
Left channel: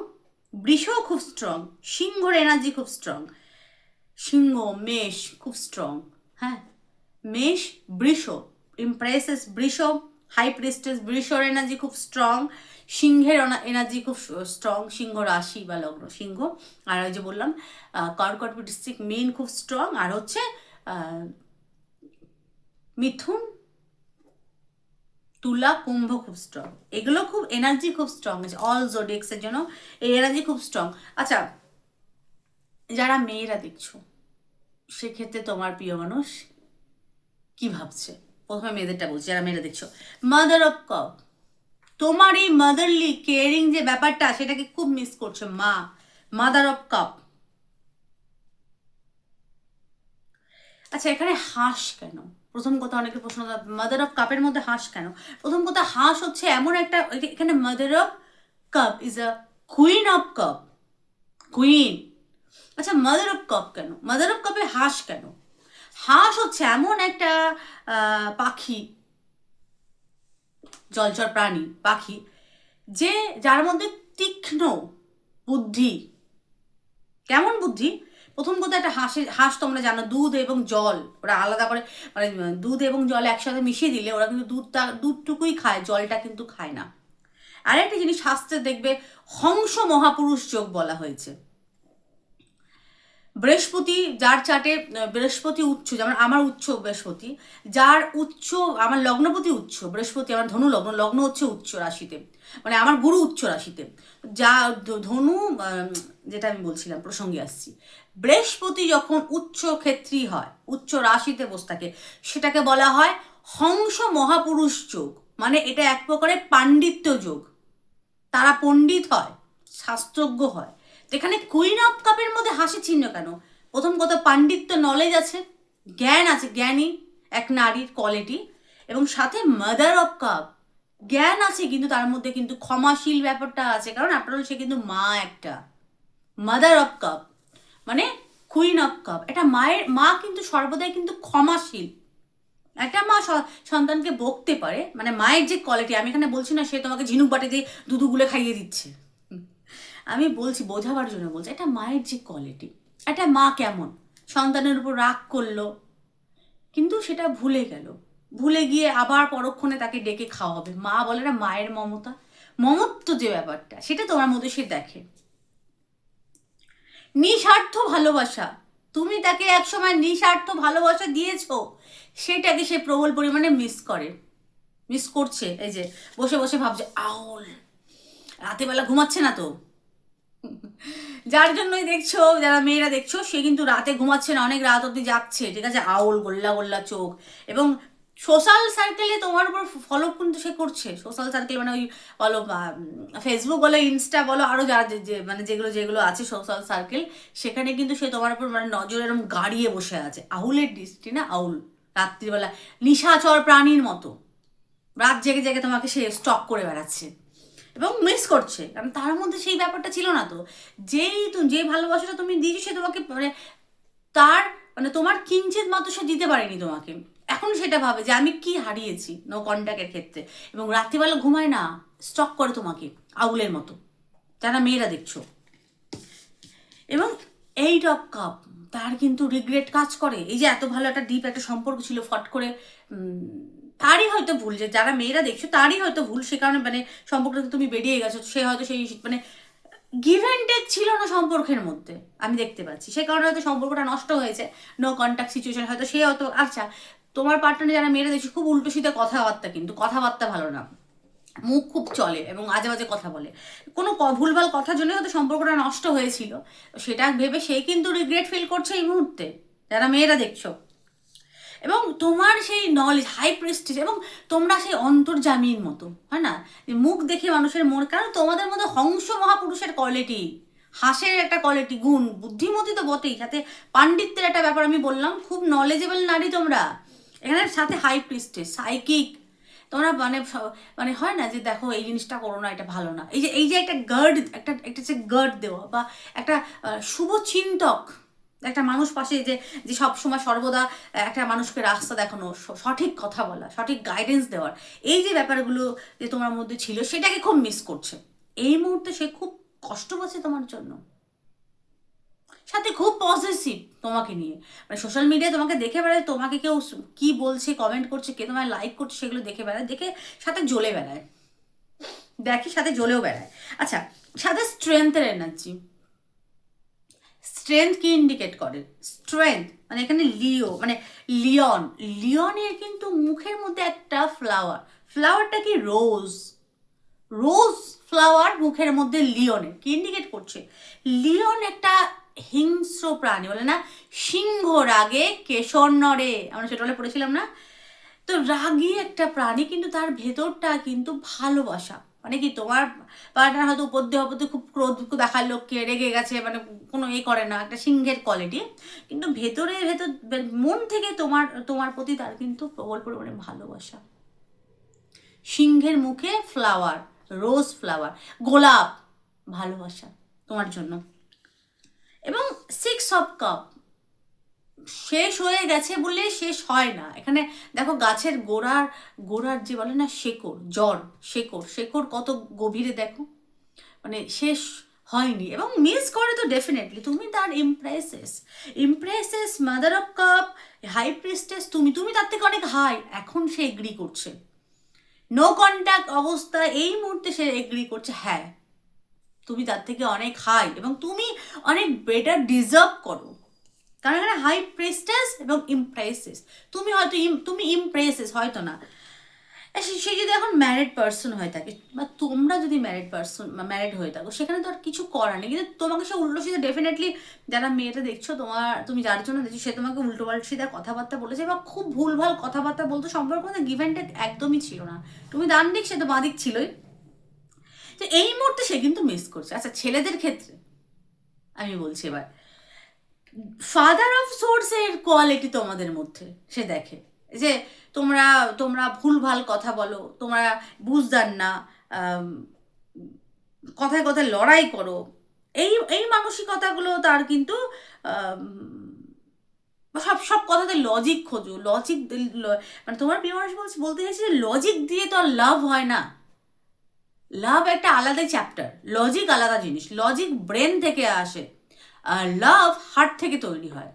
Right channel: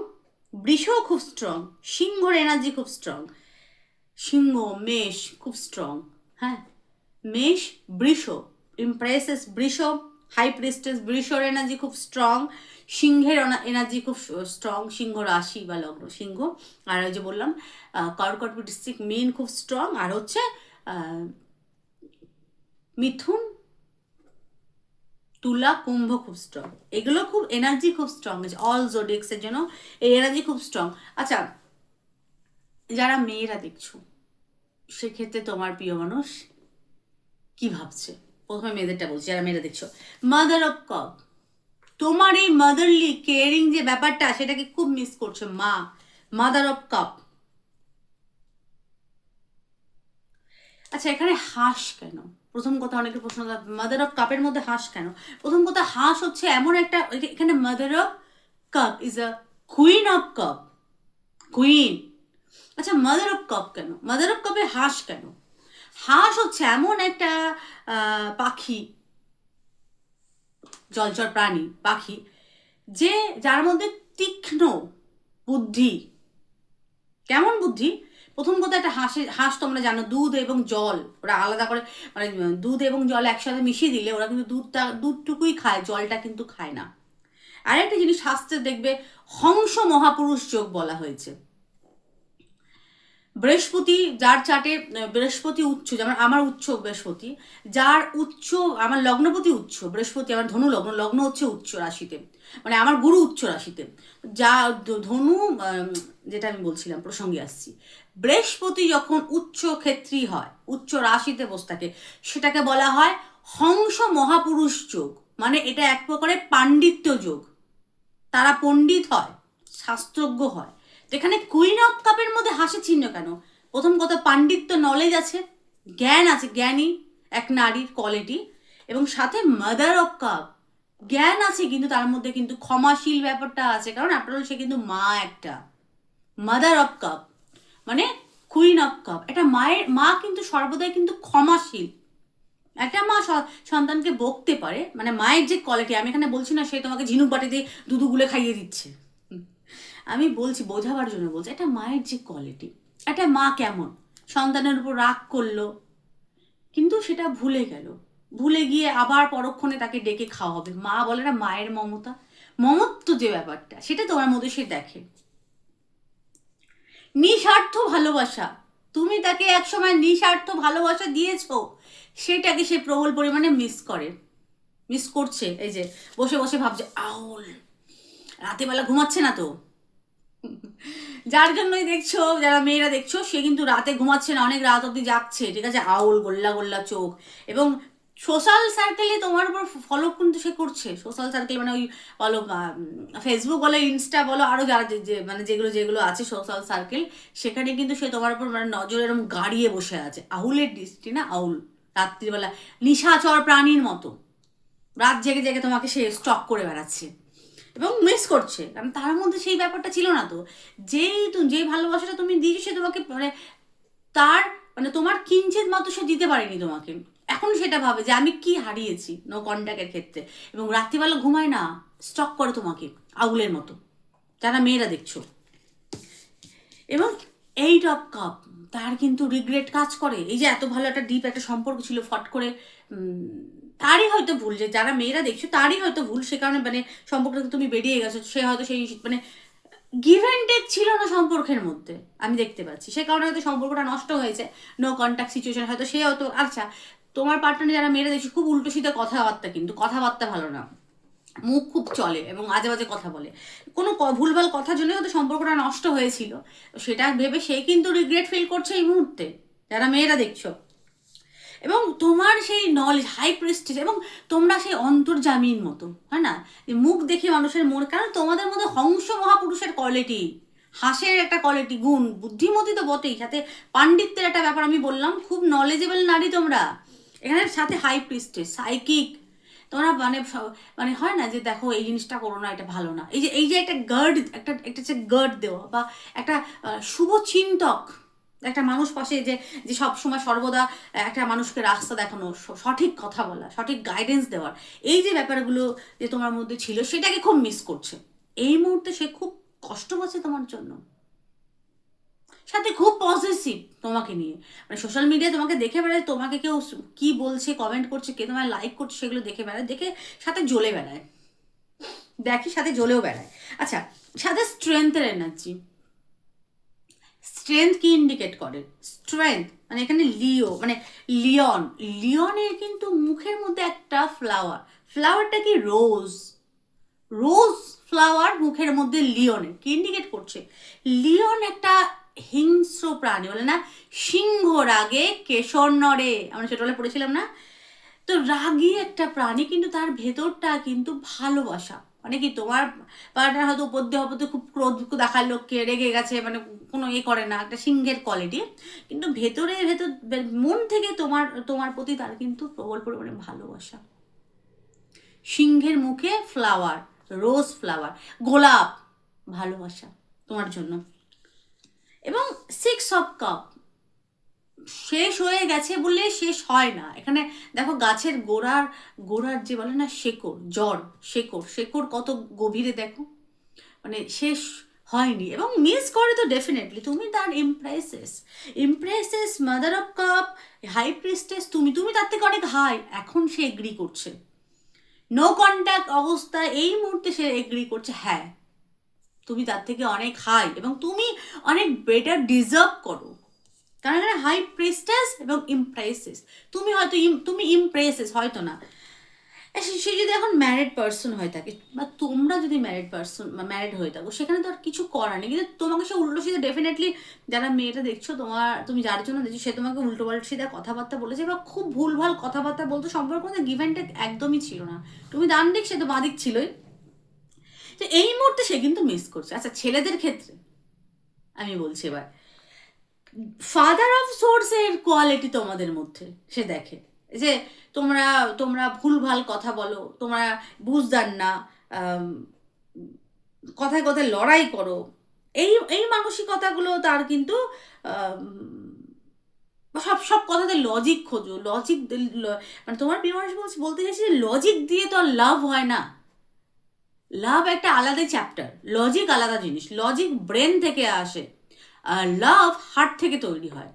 বৃষ খুব স্ট্রং, সিংহর এনার্জি খুব স্ট্রং, সিংহ, মেষ খুব স্ট্রং, হ্যাঁ, মেষ, বৃষ, ইমপ্রেসেস বৃষ, হাই প্রিস্টেস বৃষর এনার্জি খুব স্ট্রং, সিংহের এনার্জি খুব স্ট্রং, সিংহ রাশি বা লগ্ন সিংহ, আর ওই যে বললাম কর্কট, বৃশ্চিক, মীন খুব স্ট্রং, আর হচ্ছে মিথুন, তুলা, কুম্ভ খুব স্ট্রং। এগুলো খুব এনার্জি খুব স্ট্রং আছে, অল জোডিয়াক্সের জন্য এই এনার্জি খুব স্ট্রং। আচ্ছা, যারা মেয়েরা দেখছো, সেক্ষেত্রে তোমার প্রিয় মানুষ কি ভাবছে? প্রথমে মেয়েদেরটা বলছি, যারা মেয়েরা দেখছো, মাদার অফ কাপ, তোমার এই মাদারলি কেয়ারিং যে ব্যাপারটা, সেটাকে খুব মিস করছে মা, মাদার অফ কাপ। আচ্ছা, এখানে হাঁস কেন? প্রথম কথা, অনেকে প্রশ্ন, মাদার অফ কাপের মধ্যে হাঁস কেন? প্রথম কথা, হাঁস হচ্ছে এমন একটা, এখানে mother of cup is a queen of cup, queen. আচ্ছা, মাদার অফ কাপ কেন? মাদার অফ কাপে হাঁস কেন? হাঁস হচ্ছে এমন একটা পাখি, জলচর প্রাণী, পাখি, যার মধ্যে তীক্ষ্ণ বুদ্ধি। কেমন বুদ্ধি? প্রথম কথা, একটা হাঁস তোমরা জানো, দুধ এবং জল ওরা আলাদা করে, দুধ এবং জল একসাথে মিশিয়ে দিলে ওরা কিন্তু দুধটুকুই খায়, জলটা কিন্তু খায় না। আর একটা জিনিস, শাস্ত্রে দেখবে হংস মহাপুরুষ যোগ বলা হয়েছে। বৃহস্পতি যার চার্টে, বৃহস্পতি উচ্চ, যেমন আমার উচ্চ বৃহস্পতি, যার উচ্চ, আমার লগ্নপতি উচ্চ বৃহস্পতি, আমার ধনু লগ্ন, লগ্ন হচ্ছে উচ্চ রাশিতে, আমার গুরু উচ্চ রাশিতে, যা ধনু, যেটা আমি বলছিলাম প্রসঙ্গে আসছি, বৃহস্পতি যখন উচ্চ ক্ষেত্রী হয়, উচ্চ রাশিতে বসে থাকে, সেটাকে বলা হয় হংস মহাপুরুষ যোগ। এটা এক প্রকারের পাণ্ডিত্য যোগ, তারা পণ্ডিত হয়, শাস্ত্রজ্ঞ হয়। এখানে কুইন অফ কাপের মধ্যে হাসি চিহ্ন কেন? প্রথম কথা, পাণ্ডিত্য, নলেজ আছে, জ্ঞান আছে, জ্ঞানী এক নারীর কোয়ালিটি, এবং সাথে মাদার অফ কাপ, জ্ঞান আছে, কিন্তু তার মধ্যে কিন্তু ক্ষমাশীল ব্যাপারটা আছে, কারণ আপনার সে কিন্তু মা একটা, mother of cup queen of cup, এটা মা কিন্তু সর্বদাই কিন্তু ক্ষমাশীল। একটা মা সন্তানকে বকতে পারে, মায়ের যে কোয়ালিটি, আমি এখানে বলছি না সে তোমাকে ঝিনুক বাটি দিয়ে দুধুগুলো খাইয়ে দিচ্ছে, আমি বলছি বোঝাবার জন্য বলছি, এটা মায়ের যে কোয়ালিটি, একটা মা কেমন সন্তানের উপর রাগ করলো, কিন্তু সেটা ভুলে গেল, ভুলে গিয়ে আবার পরক্ষণে তাকে ডেকে খাওয়াবে, মা বলে না, মায়ের মমতা, মমত্ব যে ব্যাপারটা, সেটা তোমার মধ্যে সে দেখে। নিঃস্বার্থ ভালোবাসা, তুমি তাকে একসময় নিঃস্বার্থ ভালোবাসা দিয়েছো, সেটাকে সে প্রবল পরিমাণে মিস করছে। এই যে বসে বসে ভাবছে, আউল রাতে বেলা ঘুমাচ্ছে না তো, যার জন্যই দেখছো, যারা মেয়েরা দেখছো, সে কিন্তু রাতে ঘুমাচ্ছে না, অনেক রাত অব্দি যাচ্ছে, ঠিক আছে, আউল, গোল্লা গোল্লা চোখ, এবং সোশ্যাল সার্কেলে তোমার উপর ফলো কিন্তু সে করছে, সোশ্যাল সার্কেল ওই বলো, ফেসবুক বলো, ইনস্টা বলো, আরও যারা যেগুলো যেগুলো আছে সোশ্যাল সার্কেল, সেখানে কিন্তু সে তোমার উপর নজর এরকম গাড়িয়ে বসে আছে, আউলের দৃষ্টি না, আউল, রাত্রিবেলা নিশাচর প্রাণীর মতো রাত জেগে জেগে তোমাকে সে স্টক করে বেড়াচ্ছে এবং মিস করছে, কারণ তার মধ্যে সেই ব্যাপারটা ছিল না তো, যে ভালোবাসাটা তুমি দিয়েছো, সে তোমাকে তার তোমার কিঞ্চিত মাত্র সে দিতে পারেনি তোমাকে, এখন সেটা ভাবে যে আমি কি হারিয়েছি নো কন্ট্যাক্টের ক্ষেত্রে, এবং রাত্রিবেলা ঘুমায় না, স্টক করে তোমাকে আউলের মতো, যারা মেয়েরা দেখছো। এবং এইট অফ কাপ, তার কিন্তু রিগ্রেট কাজ করে, এই যে এত ভালো একটা ডিপ একটা সম্পর্ক ছিল, ফট করে তারই হয়তো ভুল, যে যারা মেয়েরা দেখছো তারই হয়তো ভুল, সে কারণে সম্পর্কটা তুমি বেরিয়ে গেছো, সে হয়তো সেই গিভ অ্যান্ড টেক ছিল না সম্পর্কের মধ্যে, আমি দেখতে পাচ্ছি, সে কারণে হয়তো সম্পর্কটা নষ্ট হয়েছে, নো কন্ট্যাক্ট সিচুয়েশন, হয়তো সে হয়তো, আচ্ছা, তোমার পার্টনারে যারা মেয়েরা দেখছি, খুব উল্টো সিধা কথাবার্তা, কিন্তু কথাবার্তা ভালো না, মুখ খুব চলে এবং আজে বাজে কথা বলে, কোনো ভুলভাল কথার জন্য হয়তো সম্পর্কটা নষ্ট হয়েছিল, সেটা ভেবে সেই কিন্তু রিগ্রেট ফিল করছে এই মুহূর্তে, যারা মেয়েরা দেখছো। এবং তোমার সেই নলেজ হাই প্রেস্টিজ, এবং তোমরা সেই অন্তর্যামীর মতো, হয় না, যে মুখ দেখে মানুষের মন, কারণ তোমাদের মধ্যে হংস মহাপুরুষের কোয়ালিটি, হাসের একটা কোয়ালিটি, গুণ, বুদ্ধিমতী তো বটেই, সাথে পাণ্ডিত্যের একটা ব্যাপার আমি বললাম, খুব নলেজেবল নারী তোমরা এখানে, সাথে হাই প্রিস্টেজ, সাইকিক, তোমরা মানে মানে হয় না যে দেখো এই জিনিসটা করো না, এটা ভালো না, এই যে একটা গার্ড, একটা যে গার্ড দেওয়া, বা একটা শুভ চিন্তক, একটা মানুষ পাশে যে যে সবসময় সর্বদা একটা মানুষকে রাস্তা দেখানো, সঠিক কথা বলা, সঠিক গাইডেন্স দেওয়ার, এই যে ব্যাপারগুলো যে তোমার মধ্যে ছিল, সেটাকে খুব মিস করছে এই মুহূর্তে। সে খুব কষ্ট পাচ্ছে তোমার জন্য, সাথে খুব পজিটিভ তোমাকে নিয়ে, মানে সোশ্যাল মিডিয়ায় তোমাকে দেখে বেড়ায়, তোমাকে কেউ কি বলছে, কমেন্ট করছে, কে তোমায় লাইক করছে, সেগুলো দেখে বেড়ায়, দেখে সাথে জ্বলে বেড়ায়, দেখি সাথে জ্বলেও বেড়ায়। আচ্ছা, সাথে স্ট্রেংথের এনার্জি, স্ট্রেংথ কি ইন্ডিকেট করে? স্ট্রেংথ মানে এখানে লিও মানে লিওন, লিওনের কিন্তু মুখের মধ্যে একটা ফ্লাওয়ার, ফ্লাওয়ারটা কি রোজ, রোজ ফ্লাওয়ার মুখের মধ্যে লিওনের কি ইন্ডিকেট করছে? লিওন একটা হিংস্র প্রাণী, বলে না সিংহ রাগে কেশর নড়ে, আমরা সেটা বলে পড়েছিলাম না? তো রাগী একটা প্রাণী, কিন্তু তার ভেতরটা কিন্তু ভালোবাসা, মানে কি তোমার পার্টনার হয়তো উপর দিয়ে অপর দিয়ে খুব ক্রোধ দেখার লোককে, রেগে গেছে, মানে কোনো করে না, একটা সিংহের কোয়ালিটি, কিন্তু ভেতরে ভেতর মন থেকে তোমার তোমার প্রতি তার কিন্তু প্রবল পরিমাণে ভালোবাসা। সিংহের মুখে ফ্লাওয়ার, রোজ ফ্লাওয়ার, গোলাপ, ভালোবাসা তোমার জন্য। এবং 6 অফ কাপ, শেষ হয়ে গেছে বলে শেষ হয় না এখানে। দেখো গাছের গোড়ার গোড়ার যে বলে না শেকড়, জড়, শেকড়, শেকড় কত গভীরে দেখো, মানে শেষ হয়নি, এবং মিস করে তো ডেফিনেটলি তুমি তার empresses, empresses, mother of cup, high priestess, তুমি তুমি তার থেকে অনেক হাই, এখন সে এগ্রি করছে, নো কন্ট্যাক্ট অবস্থা এই মুহূর্তে সে এগ্রি করছে, হ্যাঁ তুমি তার থেকে অনেক হাই, এবং তুমি অনেক বেটার ডিজার্ভ করো, কারণ এখানে হাই প্রেস্টেস এবং ইমপ্রেসেস, তুমি হয়তো তুমি ইমপ্রেসেস হয়তো না, সে যদি এখন ম্যারিড পার্সন হয়ে থাকে, বা তোমরা যদি ম্যারিড পার্সন বা ম্যারিড হয়ে থাকো, সেখানে তো আর কিছু করার নেই, কিন্তু তোমাকে সে উল্টো সিধা ডেফিনেটলি, যারা মেয়েটা দেখছো তুমি যার জন্য দেখছো, সে তোমাকে উল্টো পাল্টা সিধা কথাবার্তা বলেছে, বা খুব ভুলভাল কথাবার্তা বলতো, সম্পর্ক মধ্যে গিভ অ্যান্ড টেক একদমই ছিল না, তুমি ডান দিক, সে তো বাঁ দিক ছিলই, তো এই মুহূর্তে সে কিন্তু মিস করছে। আচ্ছা, ছেলেদের ক্ষেত্রে আমি বলছি এবার, ফাদার অফ সোর্সের কোয়ালিটি তোমাদের মধ্যে সে দেখে, যে তোমরা তোমরা ভুলভাল কথা বলো, তোমরা বুঝদার না, কথায় কথায় লড়াই করো, এই এই মানসিকতাগুলো তার কিন্তু সব সব কথাতে লজিক খোঁজো, লজিক, মানে তোমার প্রিয় মানুষ বলতে চাইছে যে লজিক দিয়ে তো আর লাভ হয় না, লাভ একটা আলাদা চ্যাপ্টার, লজিক আলাদা জিনিস, লজিক ব্রেন থেকে আসে, আর লাভ হার্ট থেকে তৈরি হয়,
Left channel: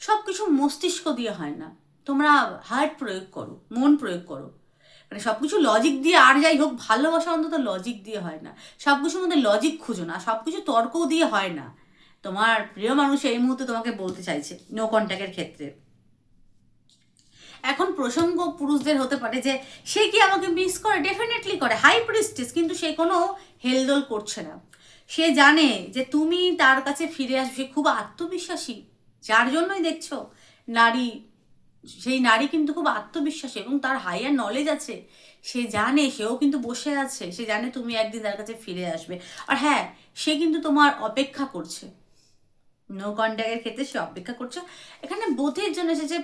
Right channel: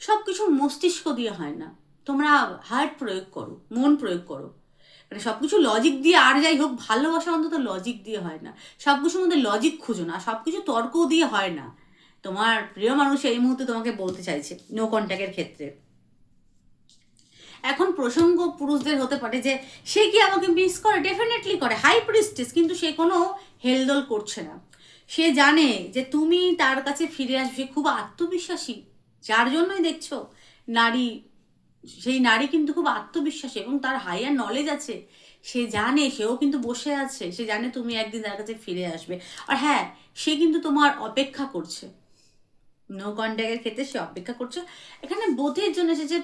সব কিছু মস্তিষ্ক দিয়ে হয় না, তোমরা হার্ট প্রয়োগ করো, মন প্রয়োগ করো, মানে সব কিছু লজিক দিয়ে, আর যাই হোক ভালোবাসা অন্তত লজিক দিয়ে হয় না, সব কিছুর মধ্যে লজিক খুঁজো না, সব কিছু তর্ক দিয়ে হয় না, তোমার প্রিয় মানুষ এই মুহূর্তে তোমাকে বলতে চাইছে নো কন্ট্যাক্টের ক্ষেত্রে। এখন প্রসঙ্গ পুরুষদের হতে পারে যে সে কি আমাকে মিস করে, ডেফিনেটলি করে, হাই প্রিস্টেস, কিন্তু সে কোনো হেলদোল করছে না, সে জানে যে তুমি তার কাছে ফিরে আসবে, খুব আত্মবিশ্বাসী, যার জন্যই দেখছো নারী, সেই নারী কিন্তু খুব আত্মবিশ্বাসী, এবং তার হাইয়ার নলেজ আছে, সে জানে, সেও কিন্তু বসে আছে, সে জানে তুমি একদিন তার কাছে ফিরে আসবে, আর হ্যাঁ সে কিন্তু তোমার অপেক্ষা করছে, নো কন্ট্যাক্টের ক্ষেত্রে সে অপেক্ষা করছে। এখানে বোধের জন্য এসেছে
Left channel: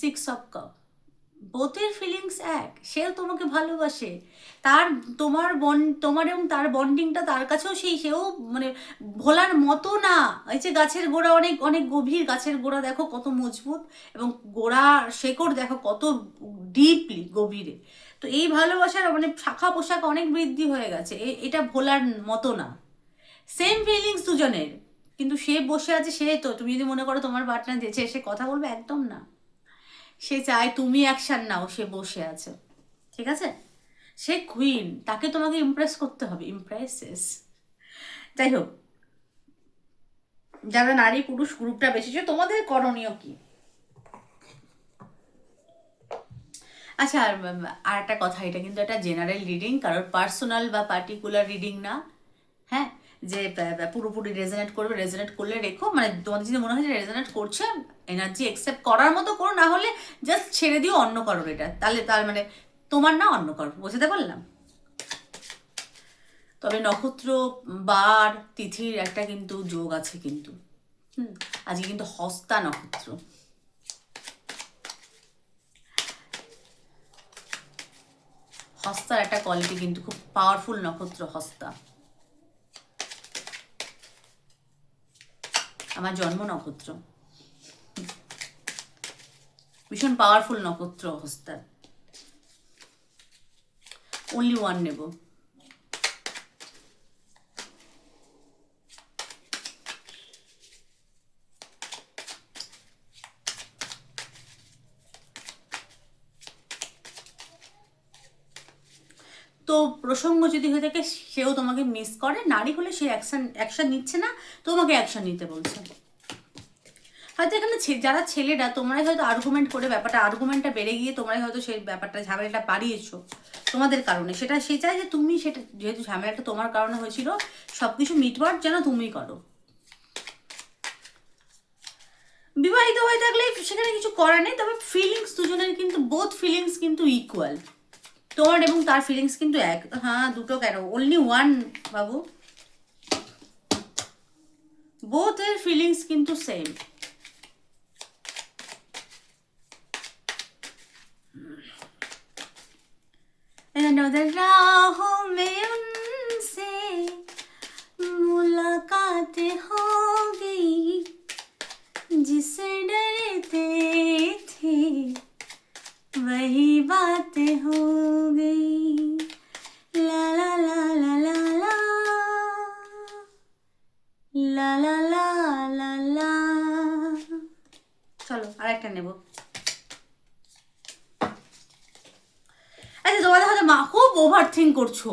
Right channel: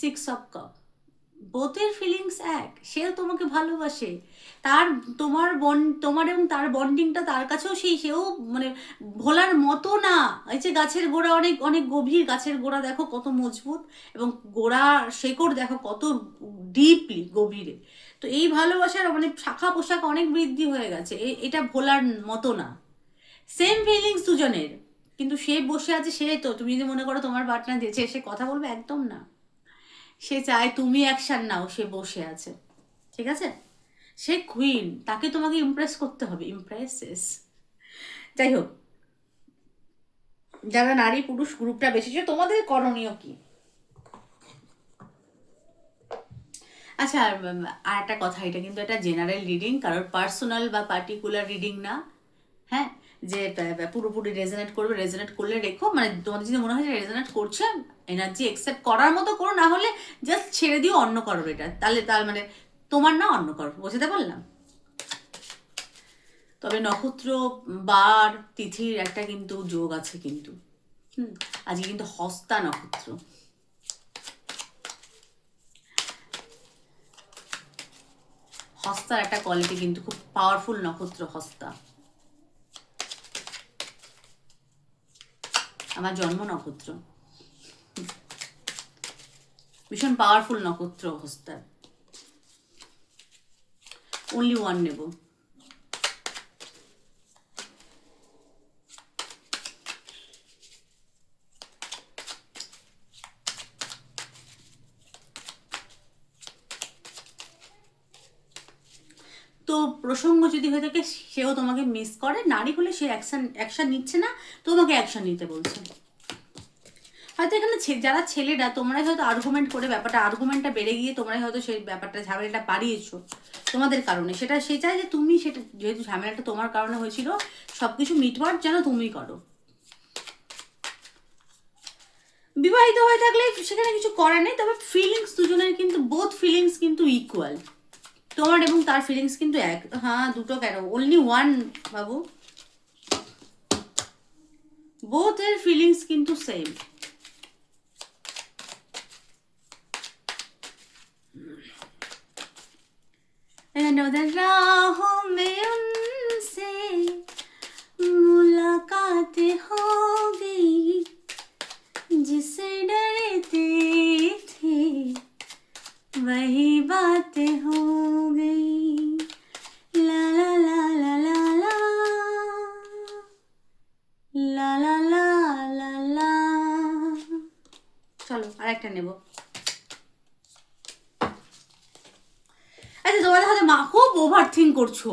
6 অফ কাপ, বোথের ফিলিংস এক, সেও তোমাকে ভালোবাসে, তার তোমার এবং তার বন্ডিংটা তার কাছেও সেও মানে ভোলার মতো না, এই যে গাছের গোড়া অনেক অনেক গভীর, গাছের গোড়া দেখো কত মজবুত, এবং গোড়া শেকড় দেখো কত ডিপলি গভীরে, তো এই ভালোবাসার মানে শাখা পোশাক অনেক বৃদ্ধি হয়ে গেছে, এটা ভোলার মতো না, সেম ফিলিংস দুজনের, কিন্তু সে বসে আছে, সে তো তুমি যদি মনে করো তোমার পার্টনার দিয়েছে এসে কথা বলবে, একদম না, সে চায় তুমি অ্যাকশন নাও, সে বসে আছে, ঠিক আছে, সে কুইন, তাকে তোমাকে ইমপ্রেস করতে হবে, ইমপ্রেসেস। যাই হোক, যারা নারী পুরুষ গ্রুপটা বেশিছে, তোমাদের করণীয় কি? আচ্ছা, আর একটা কথা, এটা কিন্তু একটা জেনারেল রিডিং, কারোর পার্সোনাল বা পার্টিকুলার রিডিং না, হ্যাঁ, যে পুরোপুরি রেজোনেট করবে, রেজোনেট করলে রেখো, মানে তোমাদের যদি মনে হয় যে রেজোনেট করছে, এনার্জি অ্যাকসেপ্ট করার মতো করো, না হলে জাস্ট ছেড়ে দিও অন্য কারোর এটা, তাহলে তার মানে তোমার না অন্য কারোর, বুঝতে পারলাম। তবে নক্ষত্র, বার, তিথির একটা কিন্তু যোগ আছে কিন্তু। আজকে কিন্তু হস্তা নক্ষত্র, হস্তার একটা কোয়ালিটি কিন্তু খুব পাওয়ারফুল নক্ষত্র হস্তা, আমার জন্ম নক্ষত্র, ভীষণ পাওয়ারফুল নক্ষত্র হস্তার। অনলি ওয়ান নেব। তো প্রসঙ্গ যদি হয়ে থাকে সেও তোমাকে মিস করে, নারী হলে সে অ্যাকশন নিচ্ছে না, তোমাকে অ্যাকশন নিতে বলছে। হয়তো এখানে যারা ছেলেরা, তোমরাই হয়তো আর্গুমেন্ট করে আর্গুমেন্টটা বেড়ে গিয়ে তোমরাই হয়তো সেই ব্যাপারটা ঝামেলাটা বাড়িয়েছো তোমাদের কারণে। সে চায় যে তুমি সেটা, যেহেতু ঝামেলাটা তোমার কারণে হয়েছিল, সবকিছু মিটমাট যেন তুমি করো। বিবাহিত হয়ে থাকলে সেখানে কিছু করার নেই, তবে ফিলিংস দুজনের কিন্তু, বোথ ফিলিংস কিন্তু ইকুয়াল, তোমার এবং তার ফিলিংস কিন্তু এক। হ্যাঁ, দুটো কেন, অনলি ওয়ান বাবু, বোথ এর ফিলিংস কিন্তু সেম। राहों में उनसे मुलाकात हो गई, जिसे डरते थे वही बात हो गई, ला ला ला ला ला ला ला ला ला ला ला। চলো আরেকটা নেব। আচ্ছা, তোমাদের হয়তো খুব ওভার থিঙ্ক করছো,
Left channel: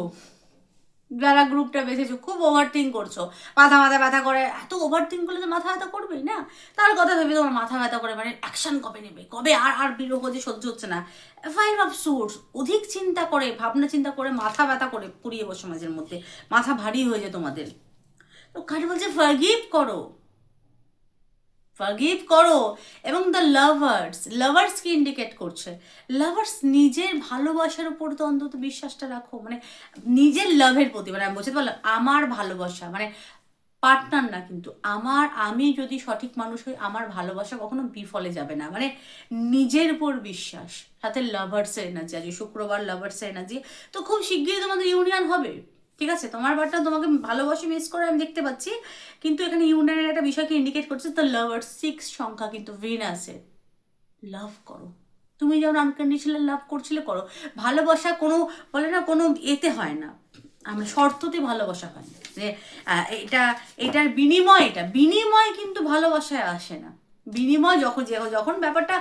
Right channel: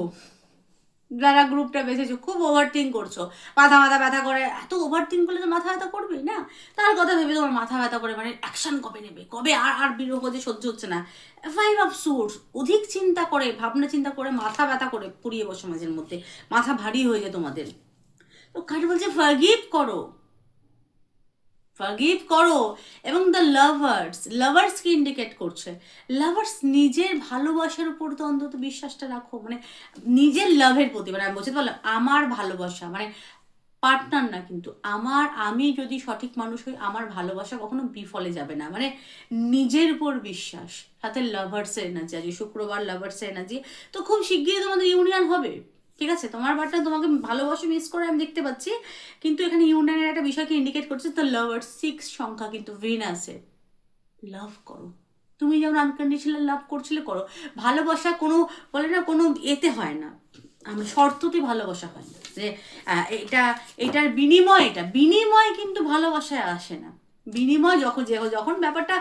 যারা গ্রুপটা বেঁচেছো খুব ওভার থিঙ্ক করছো, মাথা ব্যথা করে। এত ওভার থিঙ্ক করলে তো মাথা ব্যথা করবেই না, তার কথা ভেবে তোমার মাথা ব্যথা করে, মানে অ্যাকশন কবে নেবে, কবে আর বিরহ যে সহ্য হচ্ছে না। ফাইভ অফ সোর্স, অধিক চিন্তা করে, ভাবনা চিন্তা করে, মাথা ব্যথা করে পুড়িয়ে বসে মাঝের মধ্যে, মাথা ভারী হয়ে যায় তোমাদের। তো কার বলছে ফরগিভ করো, ফরগিভ করো। এবং দ্য লাভার্সকে ইন্ডিকেট করছে। লাভার্স নিজের ভালোবাসার উপর তো অন্তত বিশ্বাসটা রাখো, মানে নিজের লাভের প্রতি, মানে আমি বুঝতে পারলাম, আমার ভালোবাসা মানে পার্টনার না, কিন্তু আমি যদি সঠিক মানুষ হই, আমার ভালোবাসা কখনো বিফলে যাবে না, মানে নিজের উপর বিশ্বাস। সাথে লাভার্সের এনার্জি, আজকে শুক্রবার লাভার্সের এনার্জি, তো খুব শিগগিরই তোমাদের ইউনিয়ন হবে, ঠিক আছে। তোমার পার্টনার তোমাকে ভালোবাসে, মিস করে আমি দেখতে পাচ্ছি, কিন্তু এখানে ইউনিয়নের একটা বিষয়কে ইন্ডিকেট করছে। তো লাভার্স 6 সংখ্যা কিন্তু ভিনাসের। লাভ করো, তুমি যেমন আনকন্ডিশনাল লাভ করছিলে করো। ভালোবাসা কোনো বলে না, কোনো এতে হয় না, আমরা শর্ততে ভালোবাসা হয় না, যে এটার বিনিময় কিন্তু ভালোবাসায় আসে না। বিনিময় যখন ব্যাপারটা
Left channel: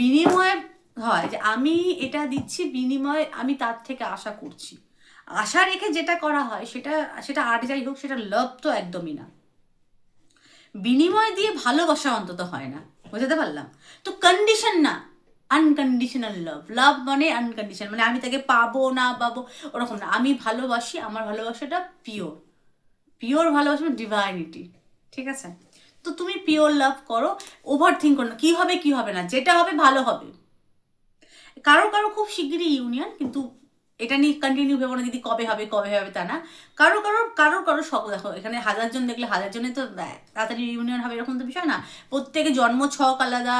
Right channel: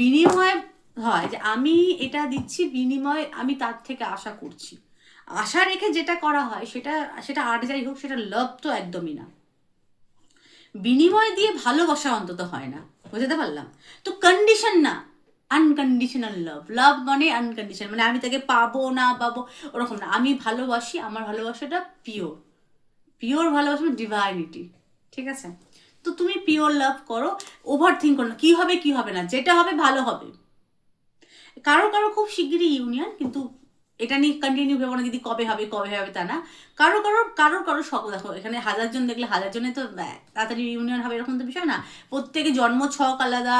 বিনিময় হয়, যে আমি এটা দিচ্ছি, বিনিময় আমি তার থেকে আশা করছি, আশা রেখে যেটা করা হয় সেটা আর যাই হোক, সেটা লাভ তো একদমই না। বিনিময় দিয়ে ভালোবাসা অন্তত হয় না, বুঝতে পারলাম। তো কন্ডিশন না, আনকন্ডিশনাল লাভ মানে আনকন্ডিশনাল, মানে আমি তাকে পাবো না পাবো ওরকম না। আমি ভালোবাসি, আমার ভালোবাসাটা পিওর ভালোবাসা, ডিভাইনিটি, ঠিক আছে। তো তুমি পিওর লাভ করো, ওভার থিঙ্ক করো না কি হবে না, যেটা হবে ভালো হবে। কারো খুব শিগগিরই ইউনিয়ন, কিন্তু এটা নিয়ে কন্টিনিউ ভেবো না দিদি কবে হবে তা না। কারো শখ, দেখো এখানে 1000 জন দেখলে 1000 জনে তো তাড়াতাড়ি ইউনিয়ন হবে এরকম তো বিষয় না। প্রত্যেকে জন্ম ছক আলাদা,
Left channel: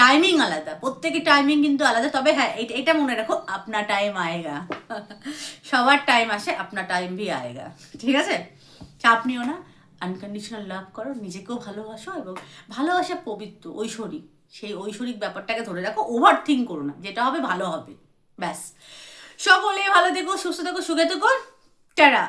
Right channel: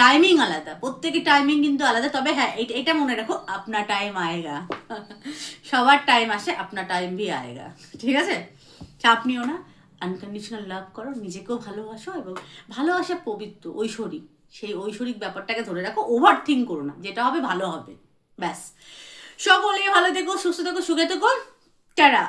টাইমিং আলাদা, প্রত্যেকের টাইমিং কিন্তু আলাদা। তবে হ্যাঁ, এটা মনে রাখো, আপনা টাইম আয়েগা, সবার টাইম আসে, আপনা টাইম ভি আয়েগা, ঠিক আছে। চাপ নিও না, আনকন্ডিশনাল লাভ করো, নিজেকেও ভালোবাসো, এবং ভালোবাসা পবিত্র, ঐশ্বরিক, সেই ঐশ্বরিক ব্যাপারটাকে ধরে রাখো, ওভার থিঙ্ক করো না, যেটা হবে ভালো হবে, ব্যাস। সকলেই ভালো থেকো, সুস্থ থেকো, সুখে থেকো, টাটা।